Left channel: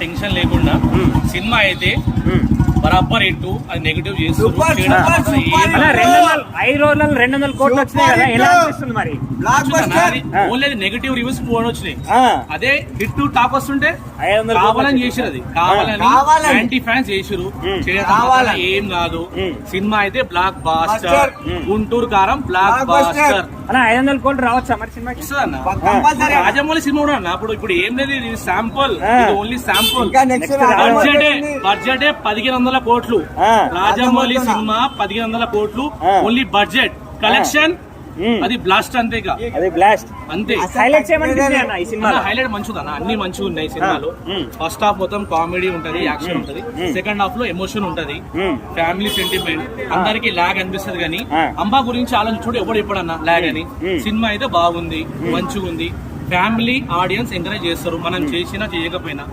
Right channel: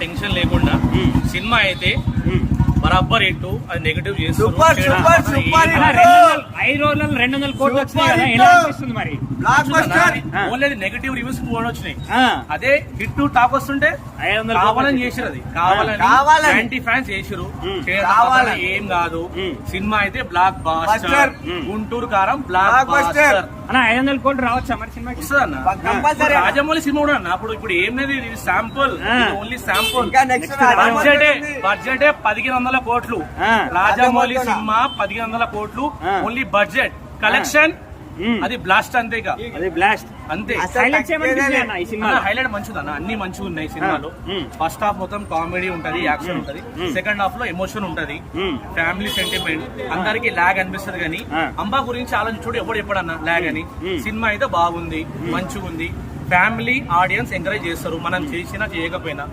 Tension లేకుండా cinema అయితే బరాబర్ ఎట్టు అది నెగటివ్ చేస్తారు. 5 రోజులలో 200 కోట్లు వచ్చినాయి కదా, ఎలా అనిపిస్తుంది మరి? ఓన్లీ నెగటివ్ రివ్యూస్ కూడా వచ్చినాయి. అదే హిట్ టాక్ వస్తుంటే కావాలని చేసారు, అది కావాలని యాంటీ ఫ్యాన్స్ చేసారు. ఏం కాదు, సినిమా అయితే బ్లాక్ బాస్టర్. గుంటూరు కారం బ్లాక్ బాస్టర్. 500 కోట్లు రావచ్చా మరి సినిమాకి? రాజమౌళి సినిమా కూడా అన్న. ఇప్పుడు ఏం లేదు, ఇది శాంపుల్, ఓన్లీ శాంపుల్. బడ్జెట్ 1500 కోట్లు. రాజమౌళి సినిమా 1500 కోట్లు ఓన్లీ బడ్జెట్. కలెక్షన్ అది బ్లాస్ట్, అంతే. అది బ్లాస్ట్ అంతే. హైలైట్స్ ఏమనిపించాయి అన్న ఈ సినిమా? హైలైట్ మంచిదన్న, అన్ని మంచిగా ఉన్నాయి సినిమాలో. ఫస్ట్ హాఫ్ మొత్తం కామెడీ ఉంటది, యాక్షన్ ఉంటది. సెకండ్ హాఫ్ లో ఎమోషన్ ఉంటది, ఫ్యామిలీ సెంటిమెంట్. అందరికి లాగ్ అనిపిస్తుంది కానీ అంబా గురించి ఆలోచించుడు ఎవడు ఎప్పుడన్నా లాగ్ అని. సినిమా అయితే బాగుంది, మంచిగా ఉంది. ఫ్యామిలీ ఆడియన్స్ ఎంకరేజ్ చేస్తారు, మనం చేసినా చేయకపోయినా.